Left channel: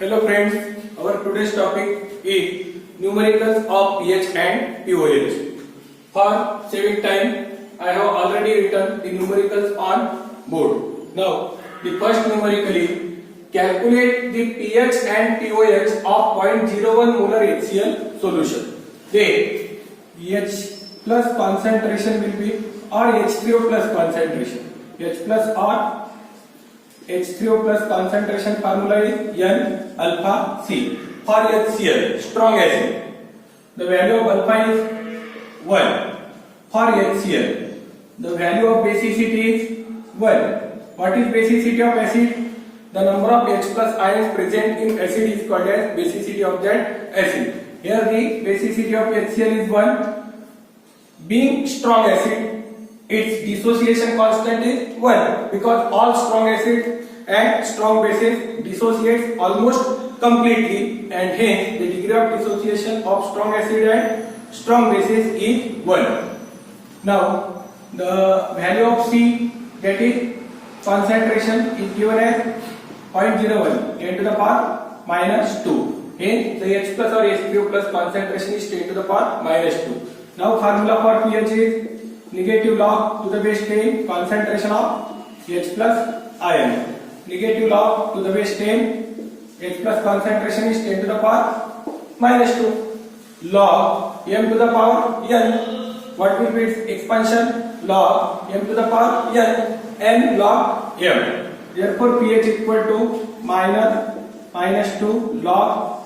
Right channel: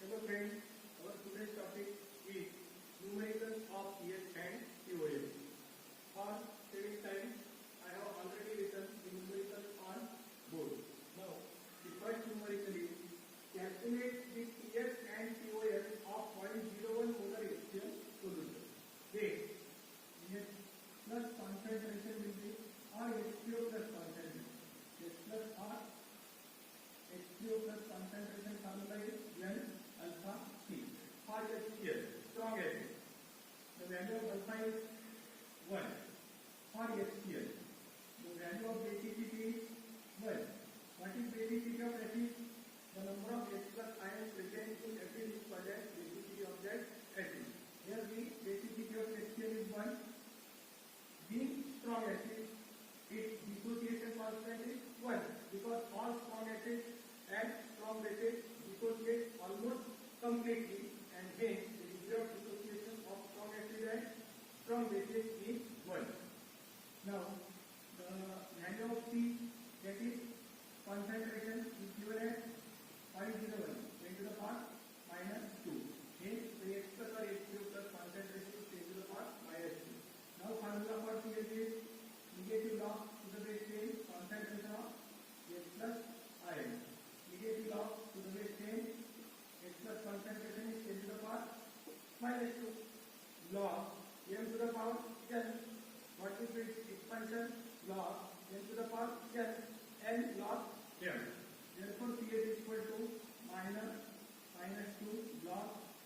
Hello friends, our today's topic is numericals of pH and pOH. For saving time, I have already written the numericals on board. Now, the first numerical is calculate the pH and pOH of 0.01 molar HCl solution. Then H plus concentration will be or H3O plus concentration. H plus or H3O plus concentration formula is N alpha C. For HCl, strong acid, the value of alpha is 1. For HCl, the value of basicity is 1. What is basicity of acid? The number of H plus ions present in acid is called as basicity of that acid. Here the basicity of HCl is 1. Being strong acid, its dissociation constant is 1 because all strong acids and strong bases dissociate almost completely, and hence the degree of dissociation of strong acid and strong bases is 1. Now the value of C, that is concentration, is given as 0.01 10 to the power minus 2. Hence the H plus or H3O plus concentration is 10 to the power minus 2. Now formula for pH is negative log to the base 10 concentration of H plus ion. Negative log to the base 10 H plus concentration is 10 to the power minus 2. Log m to the power n. What will be its expansion? Log m to the power n log m. Therefore pH equal to minus 2 log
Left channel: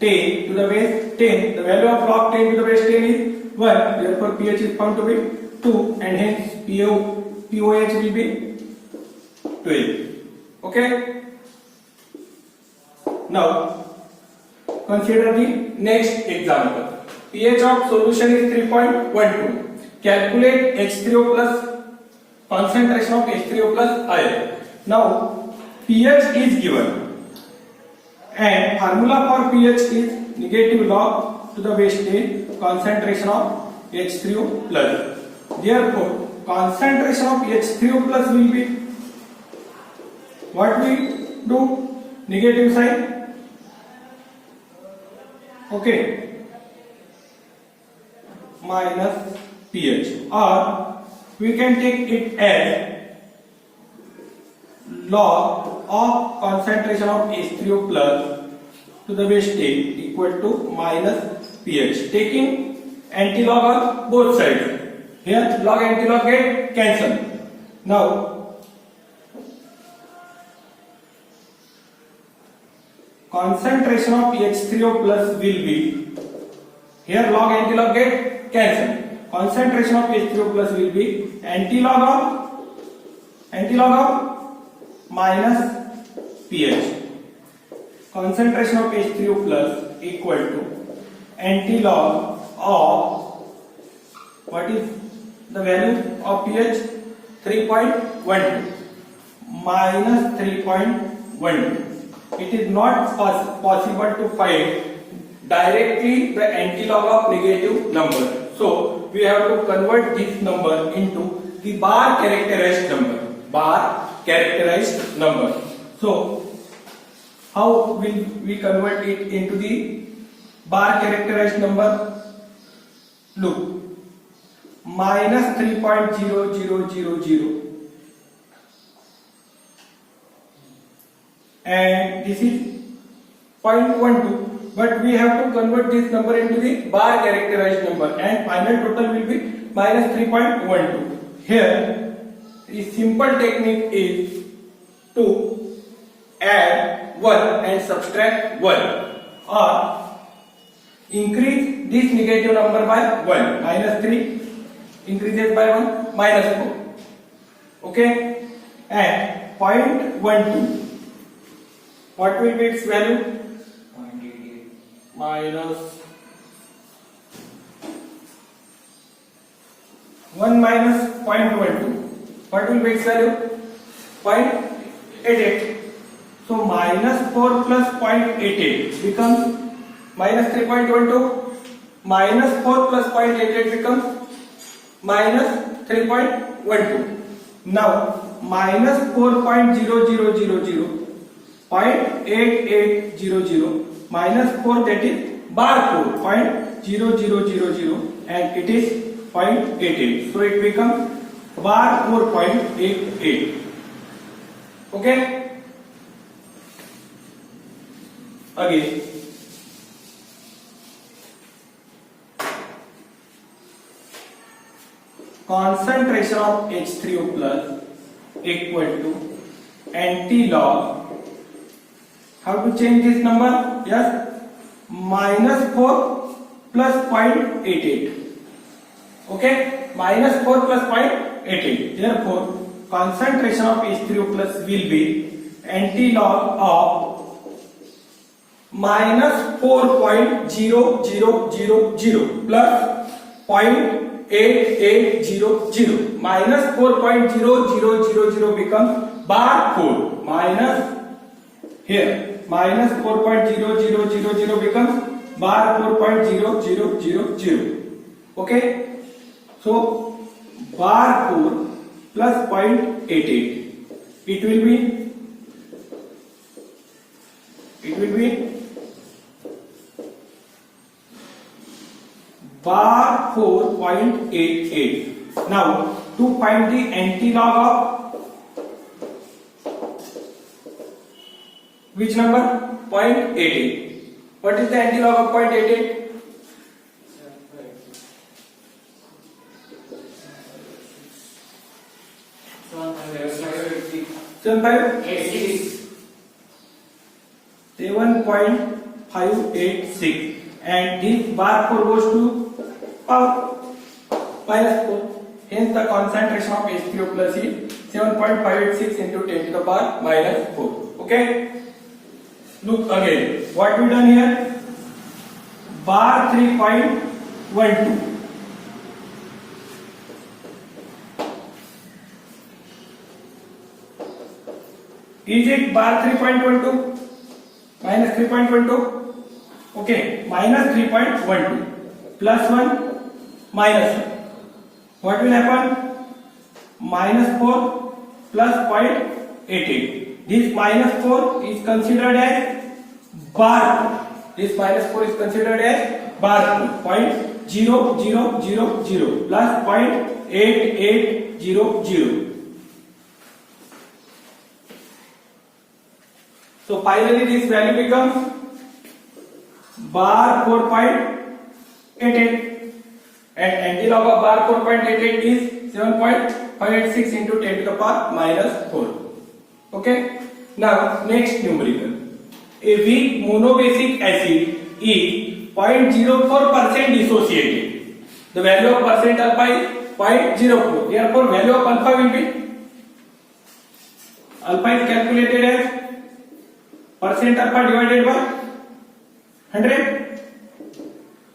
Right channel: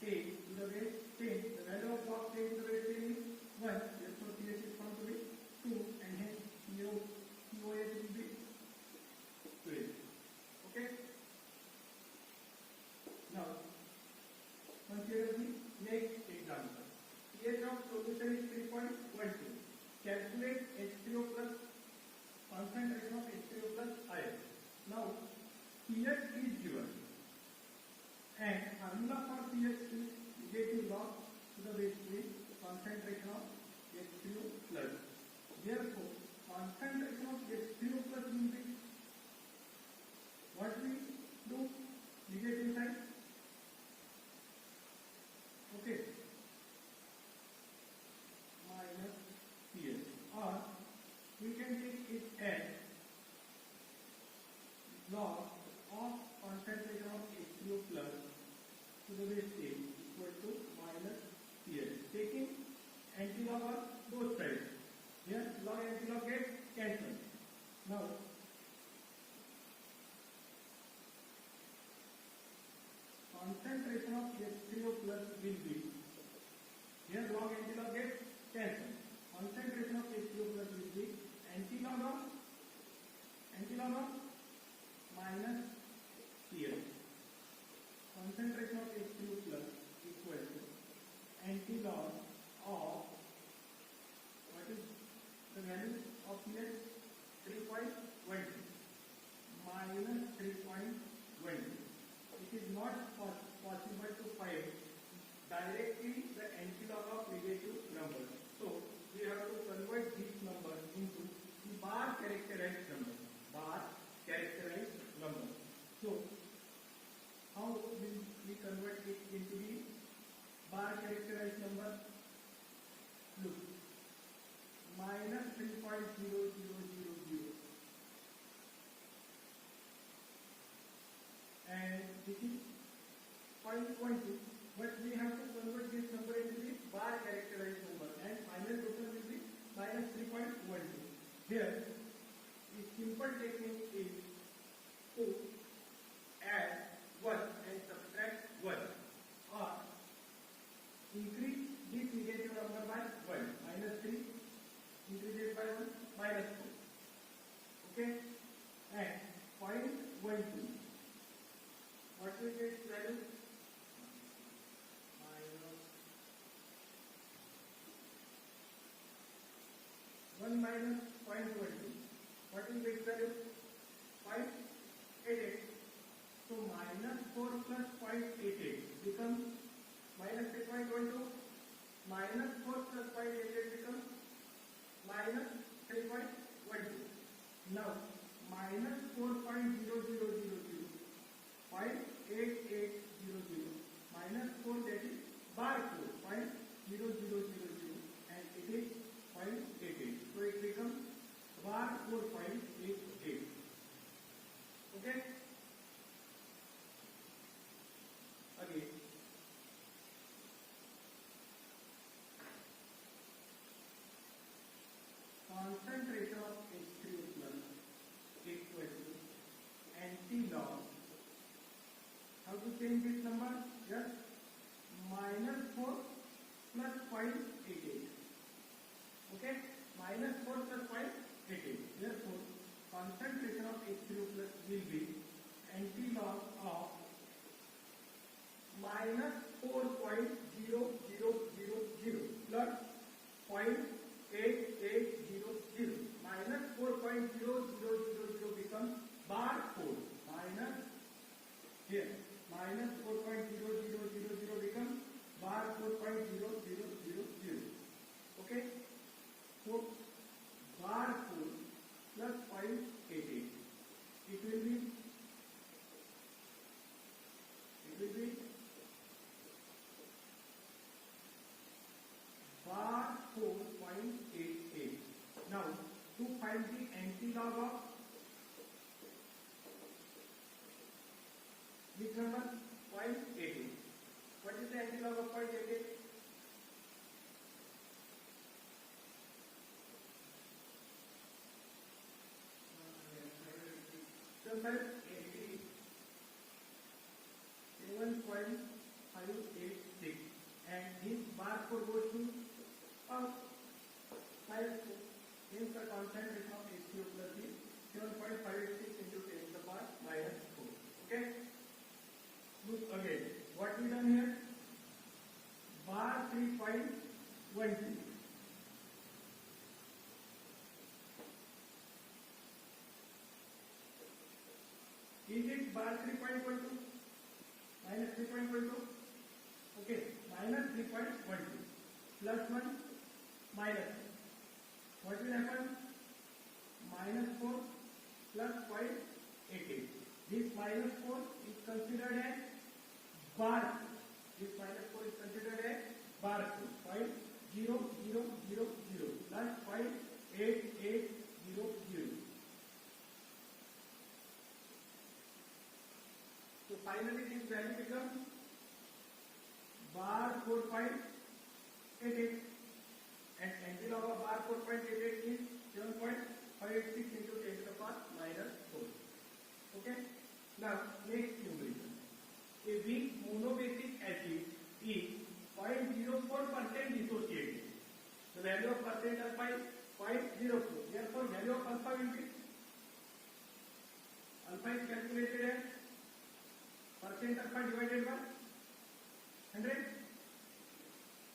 10 to the base 10. The value of log 10 to the base 10 is 1. Therefore pH is found to be 2, and hence pOH will be 12. Okay. Now consider the next example. pH of solution is 3.12. Calculate H3O plus concentration of H3O plus ion. Now pH is given, and formula for pH is negative log to the base 10 concentration of H3O plus. Therefore concentration of H3O plus will be, what we do? Negative sign. Okay. Minus pH, or we can take it as log of concentration of H3O plus to the base 10 equal to minus pH, taking antilog on both sides. Here log antilog get cancelled. Now concentration of H3O plus will be, here log antilog get cancelled. Concentration of H3O plus will be antilog of minus pH. Concentration of H3O plus equal to antilog of, what is the value of pH? 3.12 minus 3.12. It is not possible to find directly the antilog of negative number. So we have to convert this number into the bar characterized number. Bar characterized number. So how will we convert it into the bar characterized number? Look, minus 3.0000, and this is 0.12. But we have to convert this number into the bar characterized number, and final total will be minus 3.12. Here the simple technique is to add 1 and subtract 1, or increase this negative number by 1. Minus 3 increases by 1, minus 4. Okay, and 0.12, what will be its value? Minus 1 minus 0.12. What will be its value? 0.88. So minus 4 plus 0.88 becomes minus 3.12. Minus 4 plus 0.88 becomes minus 3.12. Now minus 4.0000 0.8800 minus 4, that is bar 4 0.0000, and it is 0.88. So it becomes bar 4.88. Okay. Again, concentration of H3O plus equal to anti-log. How to change this number? Yes, minus 4 plus 0.88. Okay, minus 4 plus 0.88. Therefore, concentration of H3O plus will be anti-log of minus 4.0000 plus 0.8800. Minus 4.0000 becomes bar 4 minus here minus 4.0000 becomes bar 4.0000. Okay, so bar 4 plus 0.88, it will be bar 4.88. Now to find the anti-log of which number? 0.88. What is the anti-log of 0.88? 7.586, and this bar 4 goes to power minus 4. Hence the concentration of H3O plus is 7.586 into 10 to the power minus 4. Okay. Look again. What we done here? Bar 3.12. Is it bar 3.12? Minus 3.12? Okay, minus 3.12 plus 1 minus 1. What will happen? Minus 4 plus 0.88. This minus 4 is considered as bar 4. This minus 4 is considered as bar 4. 0.0000 plus 0.8800. So finally this value becomes bar 4.88, and anti-log of bar 4.88 is 7.586 into 10 to the power minus 4. Okay. Now next numerical. A weak monobasic acid is 0.04% dissociated. The value of percent alpha is 0.04. Therefore value of alpha will be, alpha is calculated as percent alpha divided by 100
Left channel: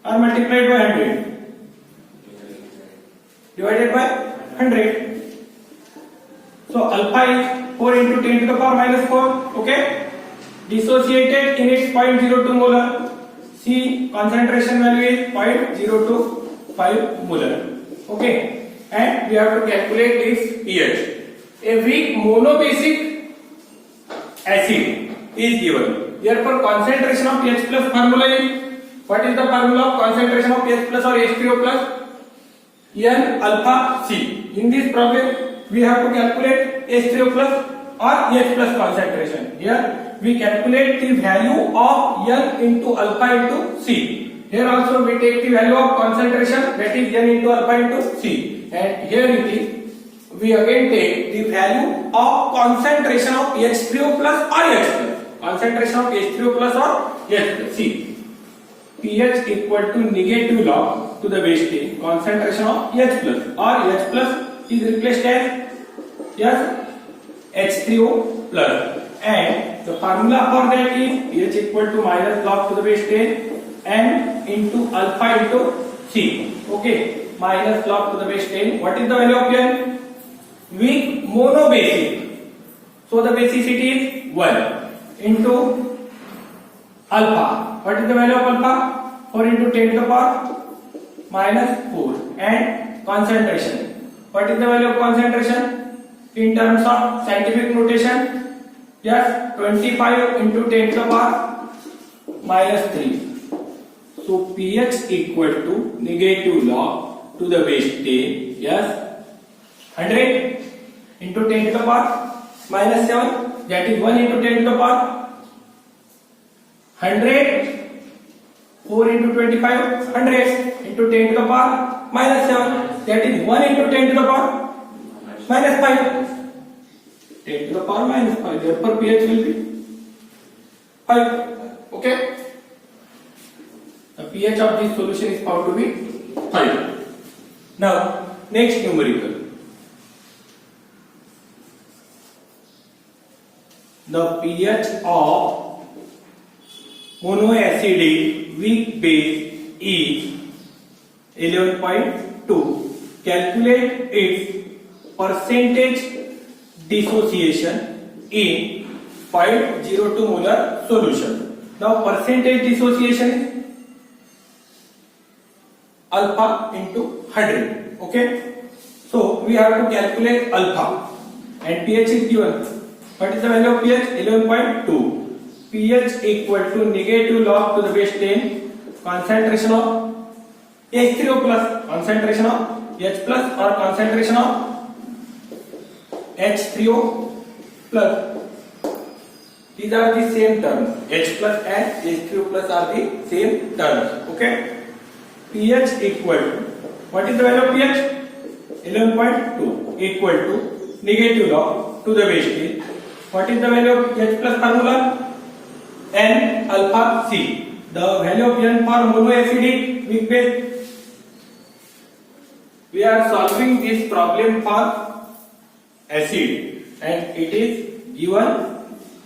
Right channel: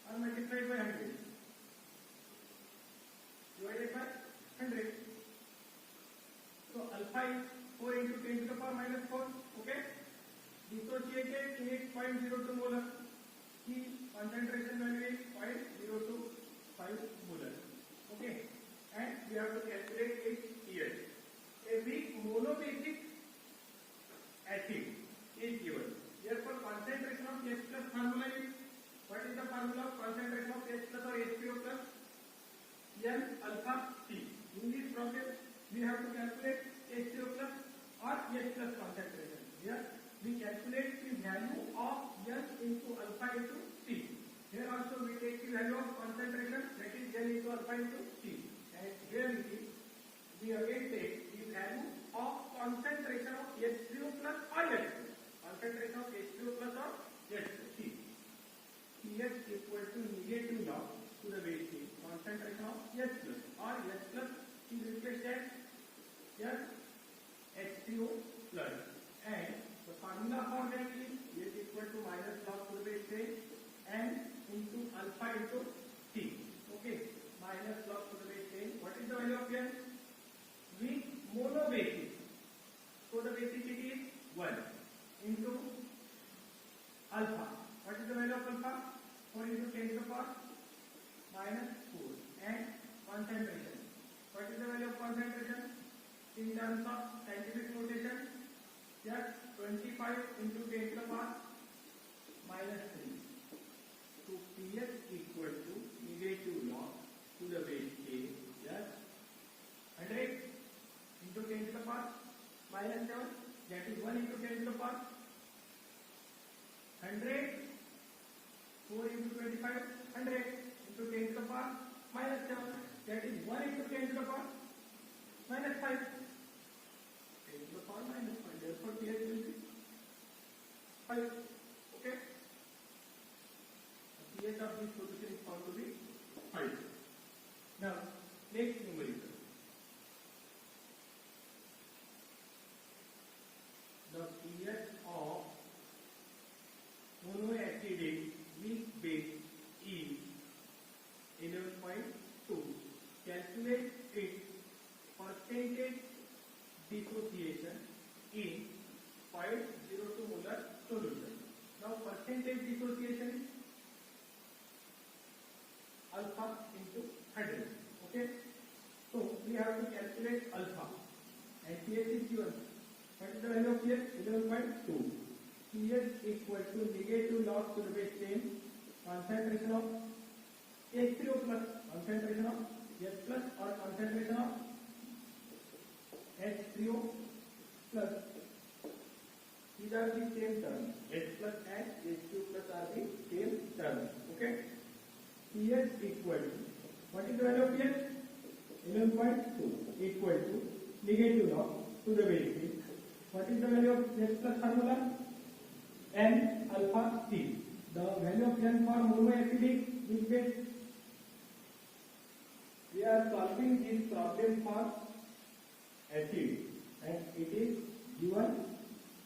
or multiplied by 100, divided by 100. So alpha is 4 into 10 to the power minus 4. Okay, dissociated in its 0.02 molar. See, concentration value is 0.025 molar. Okay, and we have to calculate this pH. A weak monobasic acid is given. Therefore concentration of H plus formula is, what is the formula of concentration of H plus or H3O plus? N alpha C. In this problem we have to calculate H3O plus or H plus concentration. Here we calculate the value of N into alpha into C. Here also we take the value of concentration, that is N into alpha into C, and here it is we again take the value of concentration of H3O plus or H plus. Concentration of H3O plus or H plus. See, pH equal to negative log to the base 10 concentration of H plus, or H plus is replaced as H3O plus, and the formula for that is pH equal to minus log to the base 10 N into alpha into C. Okay, minus log to the base 10. What is the value of N? Weak monobasic, so the basicity is 1 into alpha. What is the value of alpha? 4 into 10 to the power minus 4, and concentration. What is the value of concentration in terms of scientific notation? Yes, 25 into 10 to the power minus 3. So pH equal to negative log to the base 10. Yes, 100 into 10 to the power minus 7. That is 1 into 10 to the power 100. 4 into 25, 100 into 10 to the power minus 7. That is 1 into 10 to the power minus 5. 10 to the power minus 5. Therefore, pH will be 5. Okay. The pH of this solution is found to be 5. Now, next numerical. The pH of monoacidic weak base is 11.2. Calculate its percentage dissociation in 502 molar solution. Now percentage dissociation is alpha into 100. Okay. So we have to calculate alpha and pH is given. What is the value of pH? 11.2. pH equal to negative log to the base 10 concentration of H3O plus, concentration of H plus or concentration of H3O plus. These are the same terms. H plus and H3O plus are the same terms. Okay. pH equal to, what is the value of pH? 11.2 equal to negative log to the base 10. What is the value of H plus formula? N alpha C. The value of N for monoacidic weak base. We are solving this problem for acid and it is given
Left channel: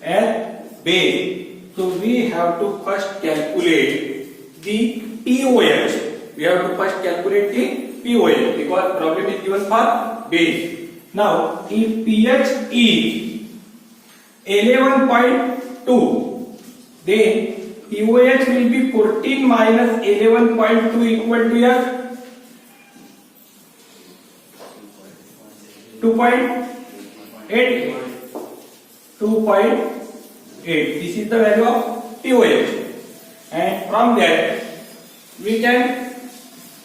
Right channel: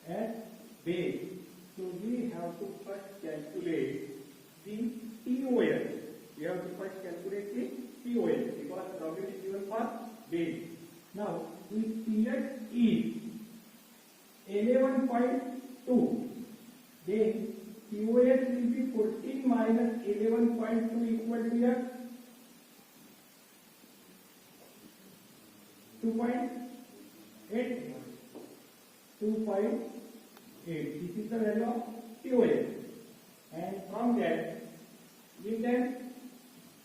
as base. So we have to first calculate the pOH. We have to first calculate the pOH because problem is given for base. Now, if pH is 11.2, then pOH will be 14 minus 11.2 equal to yes, 2.8. 2.8. This is the value of pOH, and from that we can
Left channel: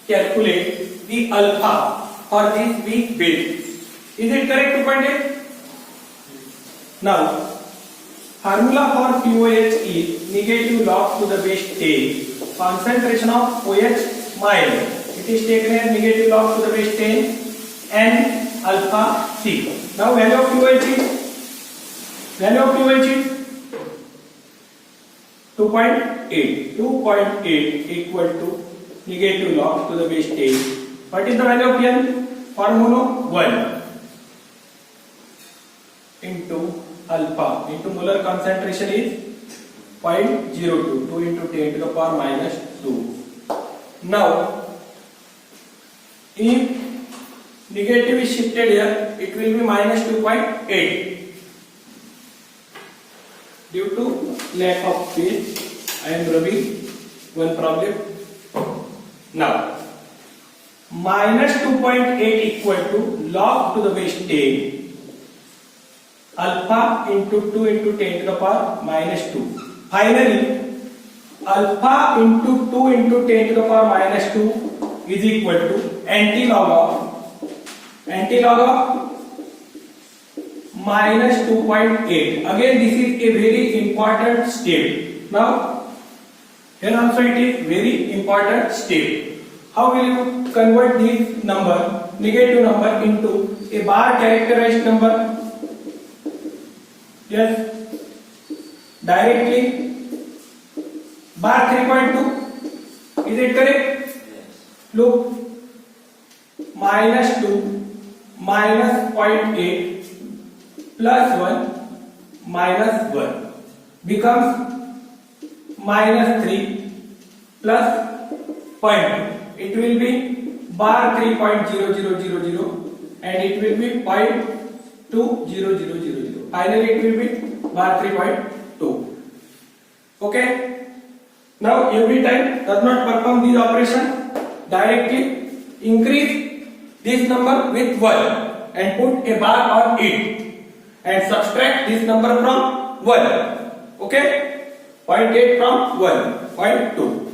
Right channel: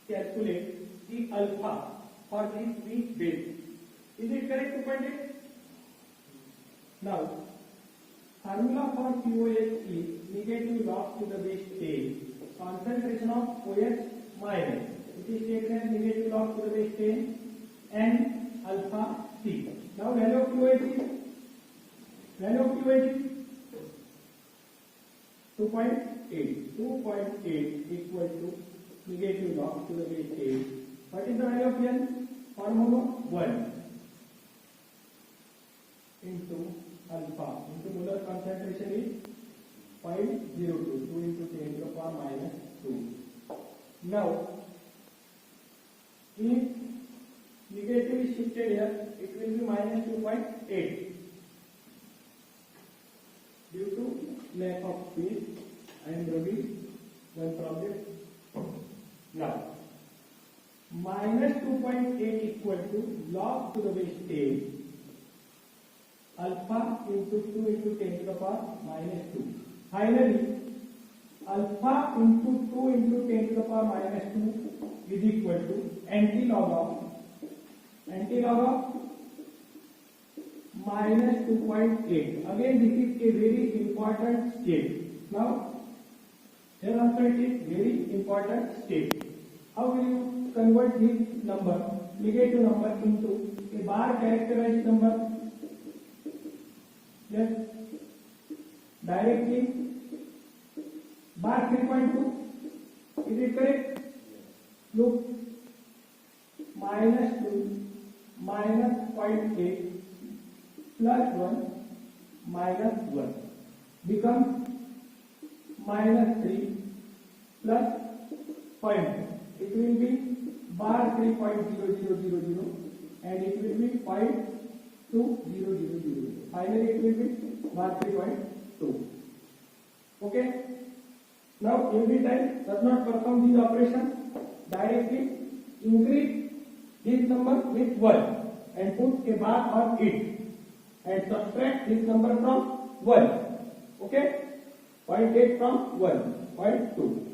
calculate the alpha for this weak base. Is it correct? 2.8. Now, formula for pOH is negative log to the base 10 concentration of OH minus. It is taken as negative log to the base 10 and alpha C. Now value of pOH is 2.8. 2.8 equal to negative log to the base 10. What is the value of N? For mono 1 into alpha into molar concentration is 0.02. 2 into 10 to the power minus 2. Now, if negative is shifted here, it will be minus 2.8. Due to lack of space, I am rubbing one problem. Now, minus 2.8 equal to log to the base 10 alpha into 2 into 10 to the power minus 2. Finally, alpha into 2 into 10 to the power minus 2 is equal to anti-log of minus 2.8. Again, this is a very important step. Now, here also it is very important step. How will you convert this number, negative number, into a bar characterized number? Yes, directly bar 3.2. Is it correct? Yes. Look, minus 2 minus 0.8 plus 1 minus 1 becomes minus 3 plus 0.2. It will be bar 3.0000 and it will be 0.20000. Finally, it will be bar 3.2. Okay. Now, every time does not perform this operation, directly increase this number with 1 and put a bar on it and subtract this number from 1. Okay, 0.8 from 1. 0.2.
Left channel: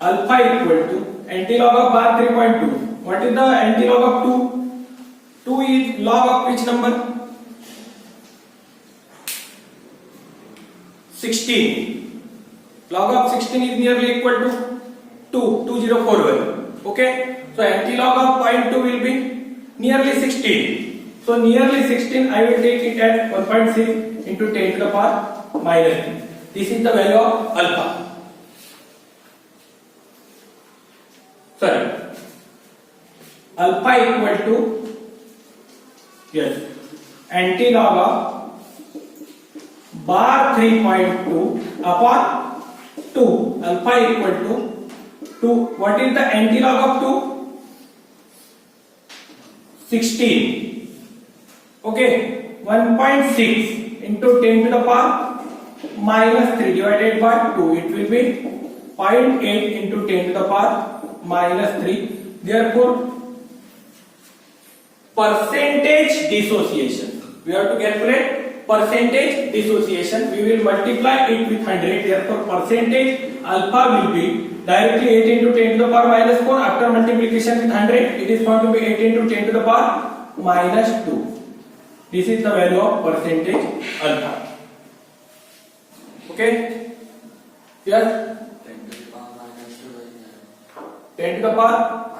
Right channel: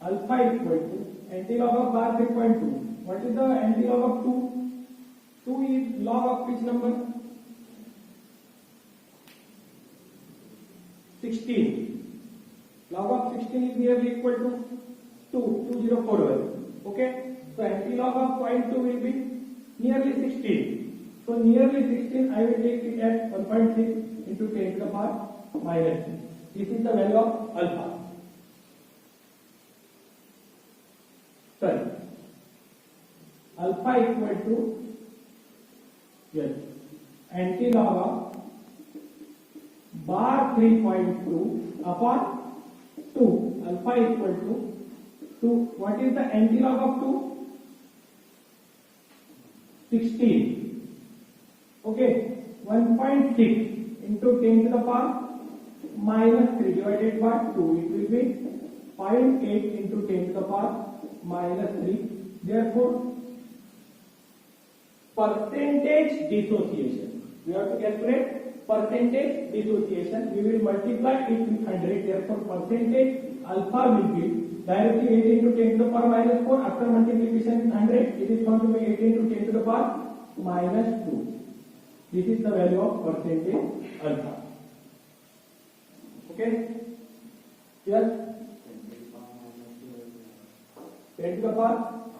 Alpha equal to antilog of bar 3.2. What is the antilog of 2? 2 is log of which number? 16. Log of 16 is nearly equal to 2041. Okay, so antilog of 0.2 will be nearly 16. So nearly 16 I will take it as 1.6 into 10 to the power minus 3. This is the value of alpha. Sorry, alpha equal to, yes, antilog of bar 3.2 upon 2. Alpha equal to 2. What is the antilog of 2? 16. Okay, 1.6 into 10 to the power minus 3 divided by 2. It will be 0.8 into 10 to the power minus 3. Therefore, percentage dissociation. We have to calculate percentage dissociation. We will multiply it with 100. Therefore, percentage alpha will be directly 8 into 10 to the power minus 4. After multiplication with 100, it is going to be 8 into 10 to the power minus 2. This is the value of percentage alpha. Okay? Yes? 10 to the power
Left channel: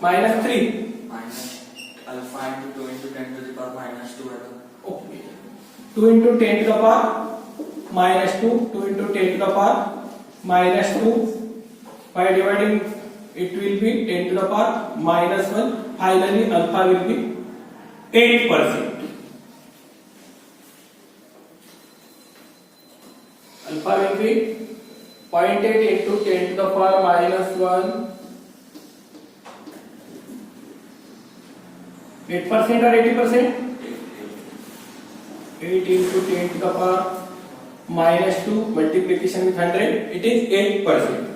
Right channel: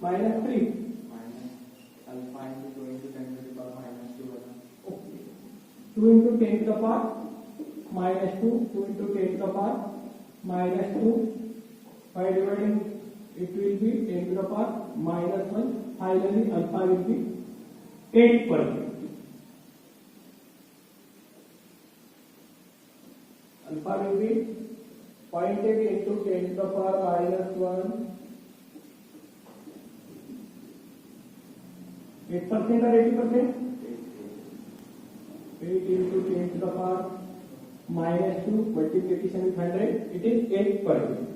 minus 3. Alpha into 2 into 10 to the power minus 2. Okay. 2 into 10 to the power minus 2. 2 into 10 to the power minus 2. By dividing, it will be 10 to the power minus 1. Finally, alpha will be 8%. Alpha will be 0.8 into 10 to the power minus 1. 8% or 80%? 8 into 10 to the power minus 2 multiplication with 100, it is 8%.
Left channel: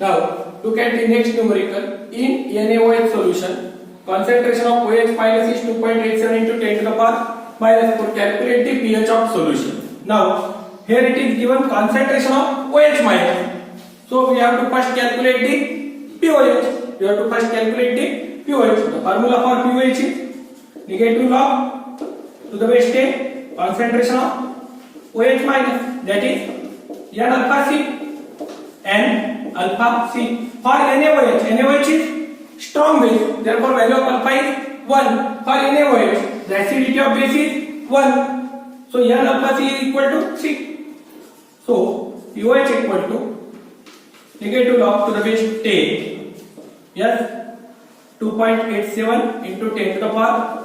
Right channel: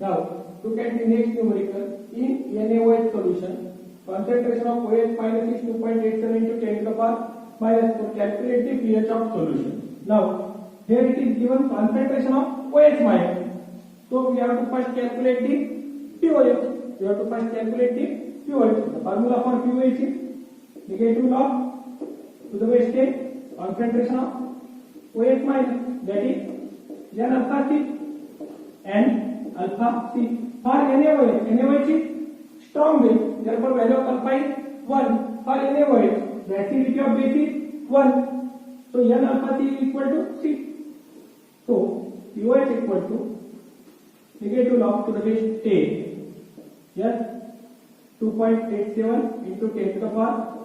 Now, look at the next numerical. In NaOH solution, concentration of OH minus is 2.87 into 10 to the power minus 4. Calculate the pH of solution. Now, here it is given concentration of OH minus. So, we have to first calculate the pOH. We have to first calculate the pOH. The formula for pOH is negative log to the base 10 concentration of OH minus, that is N alpha C, N alpha C. For NaOH is strong base, therefore value of alpha is 1. For NaOH, the acidity of base is 1. So N alpha C is equal to 3. So pOH equal to negative log to the base 10. Yes, 2.87 into 10 to the power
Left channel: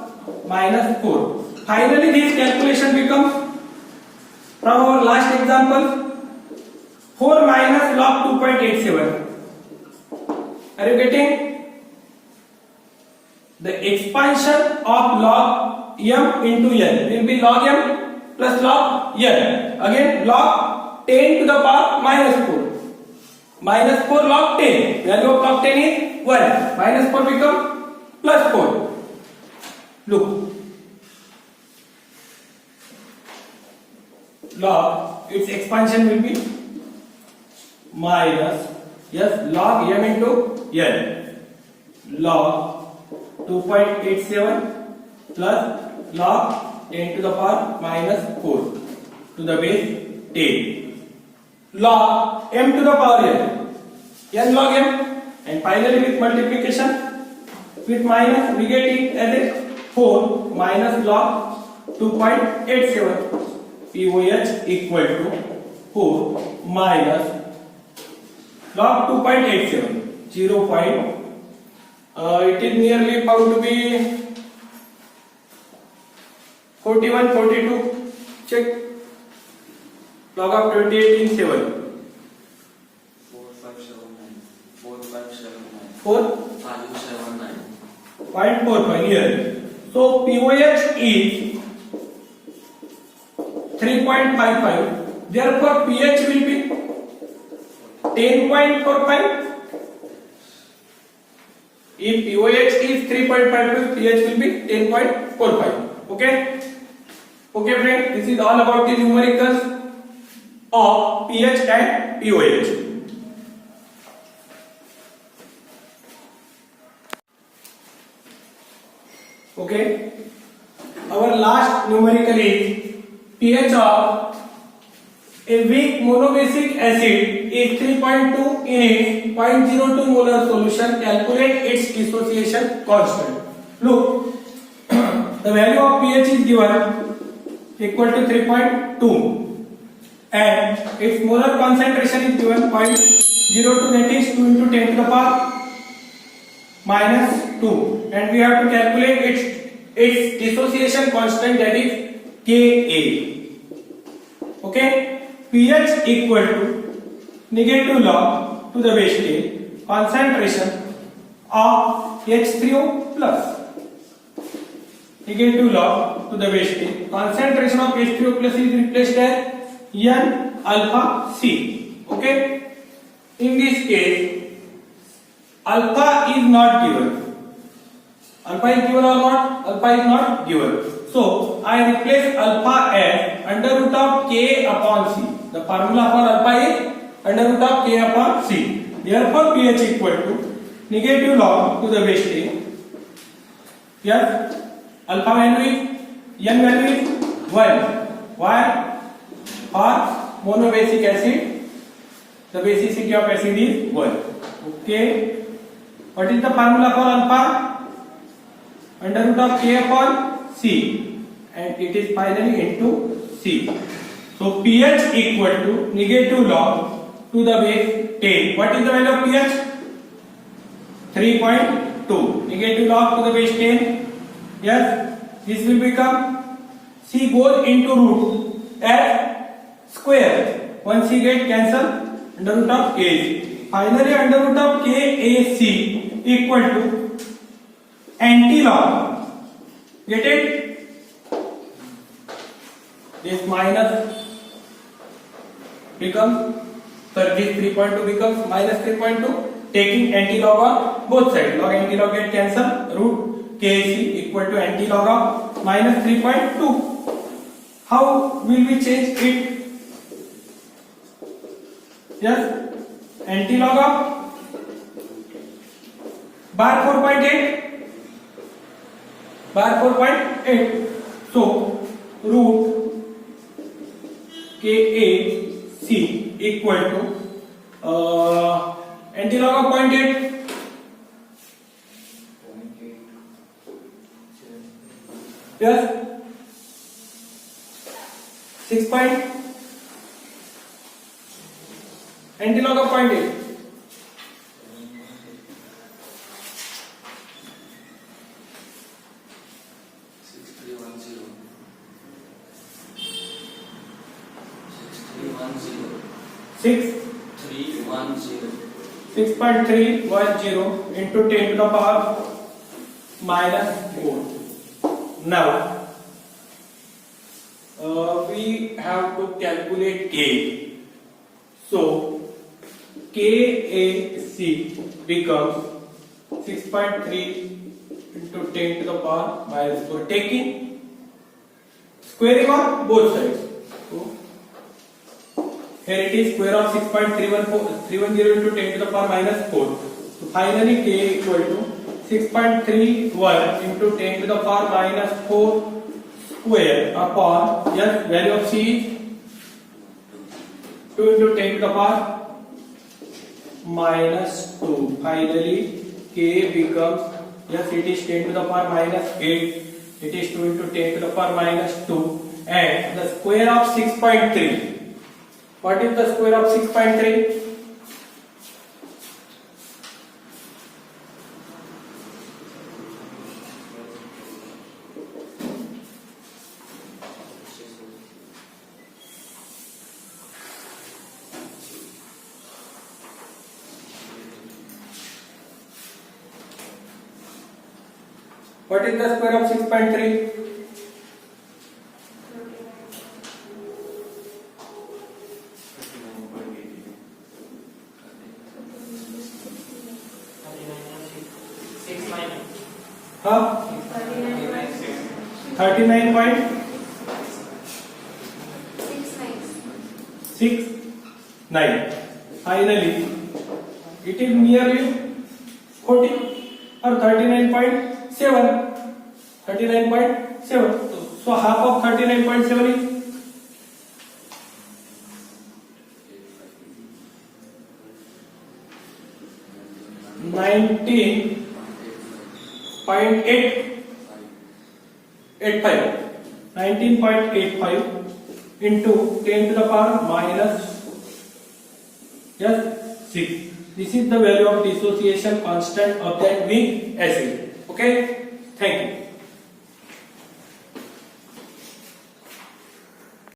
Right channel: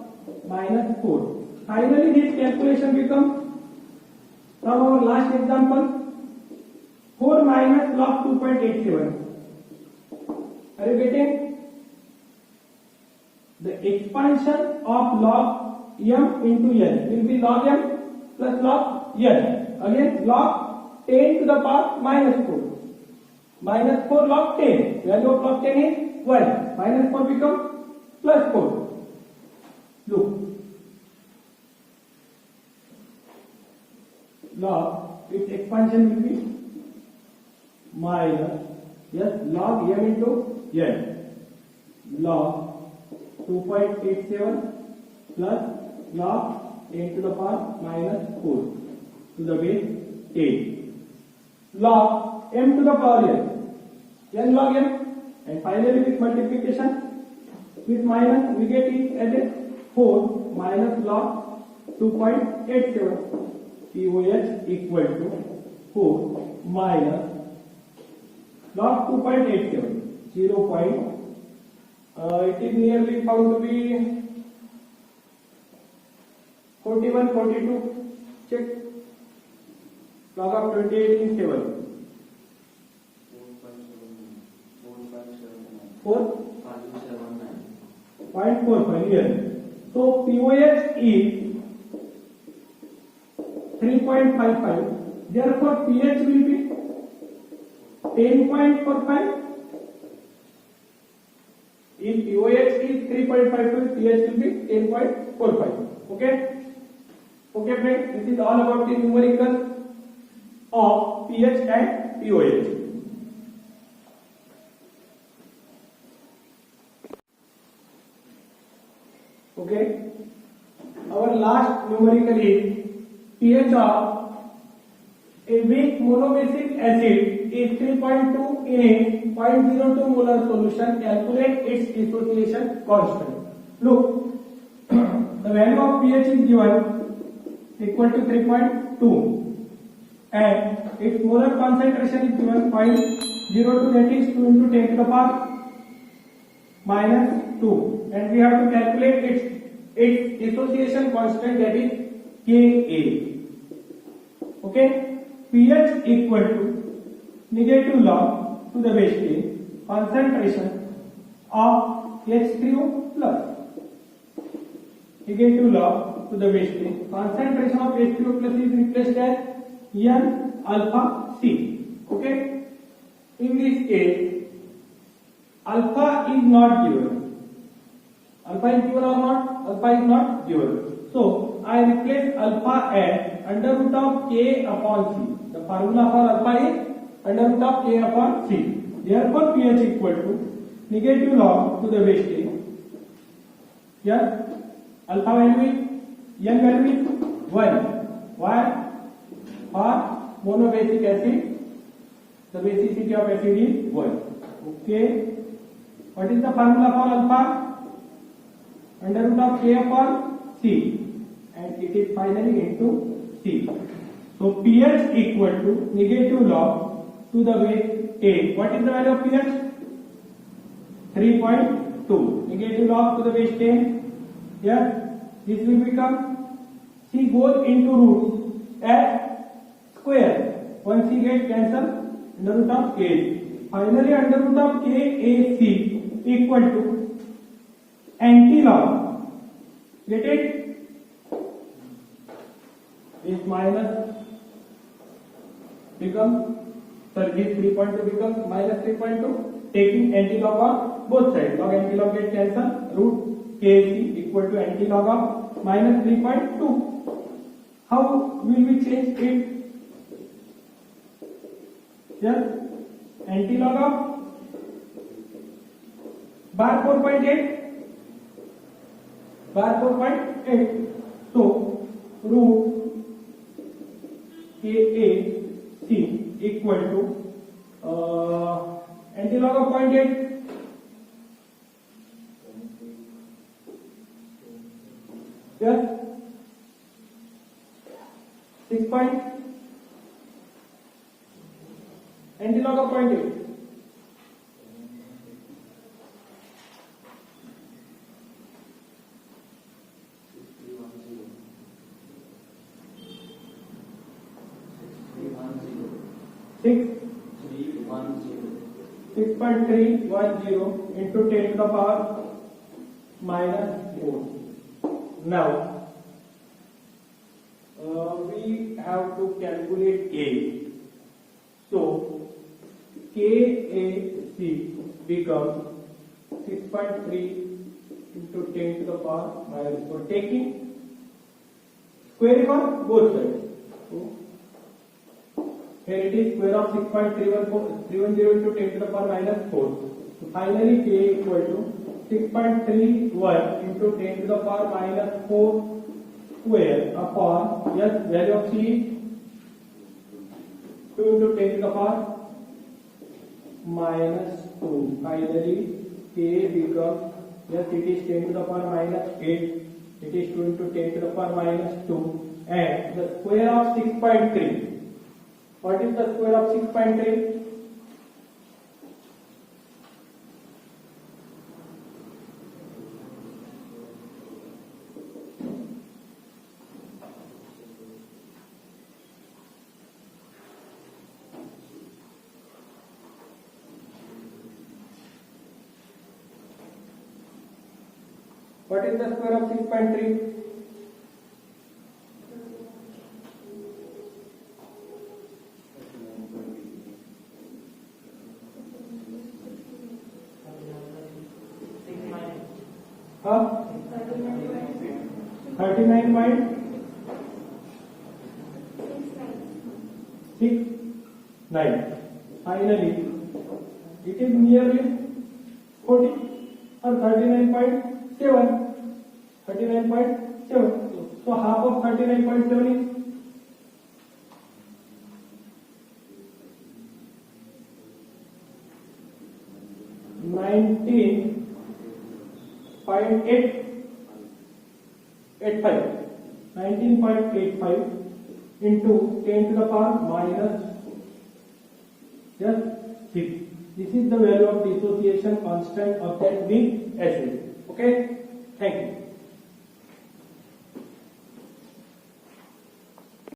minus 4. Finally, this calculation becomes, from our last example, 4 minus log 2.87. Are you getting? The expansion of log m into n will be log m plus log n. Again, log 10 to the power minus 4. Minus 4 log 10. Value of log 10 is 1. Minus 4 becomes plus 4. Look. Log, its expansion will be minus, yes, log m into n. Log 2.87 plus log 10 to the power minus 4 to the base 10. Log m to the power n log m, and finally with multiplication with minus we get it as a 4 minus log 2.87. pOH equal to 4 minus log 2.87, 0. It is nearly found to be 41, 42. Check. Log of 28 in 7. 0.45 here. So pOH is 3.55. Therefore pH will be 10.45. If pOH is 3.52, pH will be 10.45. Okay. Okay friend, this is all about the numericals of pH and pOH. Okay, our last numerical is pH of a weak monobasic acid is 3.2 in its 0.02 molar solution. Calculate its dissociation constant. Look, the value of pH is given equal to 3.2 and its molar concentration is given 0.02, that is 2 into 10 to the power minus 2, and we have to calculate its dissociation constant, that is Ka. Okay, pH equal to negative log to the base 10 concentration of H3O plus negative log to the base 10 concentration of H3O plus is replaced as N alpha C. Okay, in this case alpha is not given. Alpha is given or not? Alpha is not given. So I replace alpha as under root of K upon C. The formula for alpha is under root of K upon C. Therefore pH equal to negative log to the base 10. Yes, alpha value is N value is 1. Why? For monobasic acid, the basicity of acid is 1. Okay. What is the formula for alpha? Under root of K upon C, and it is finally into C. So pH equal to negative log to the base 10. What is the value of pH? 3.2. Negative log to the base 10. Yes, this will become C goes into root as square. One C get cancelled under root of A. Finally under root of KAC equal to anti-log. Get it? This minus becomes, this 3.2 becomes minus 3.2, taking anti-log on both sides. Log anti-log get cancelled. Root KAC equal to anti-log of minus 3.2. How will we change it? Yes, anti-log of bar 4.8, bar 4.8. So root KAC equal to anti-log of 0.8. Yes, 6 point anti-log of 0.8. 6.310 into 10 to the power minus 4. Now we have to calculate K. So KAC becomes 6.3 into 10 to the power minus 4, taking squaring on both sides. So here it is square of 6.310 into 10 to the power minus 4. So finally K equal to 6.31 into 10 to the power minus 4 square upon, yes, value of C is 2 into 10 to the power minus 2. Finally K becomes, yes, it is 10 to the power minus 8. It is 2 into 10 to the power minus 2. And the square of 6.3. What is the square of 6.3? What is the square of 6.3? Huh? 39.6. 6, 9. Finally, it is nearly 40 or 39.7. 39.7. So half of 39.7 is 19.85 into 10 to the power minus 6. This is the value of dissociation constant of that weak acid. Okay, thank you.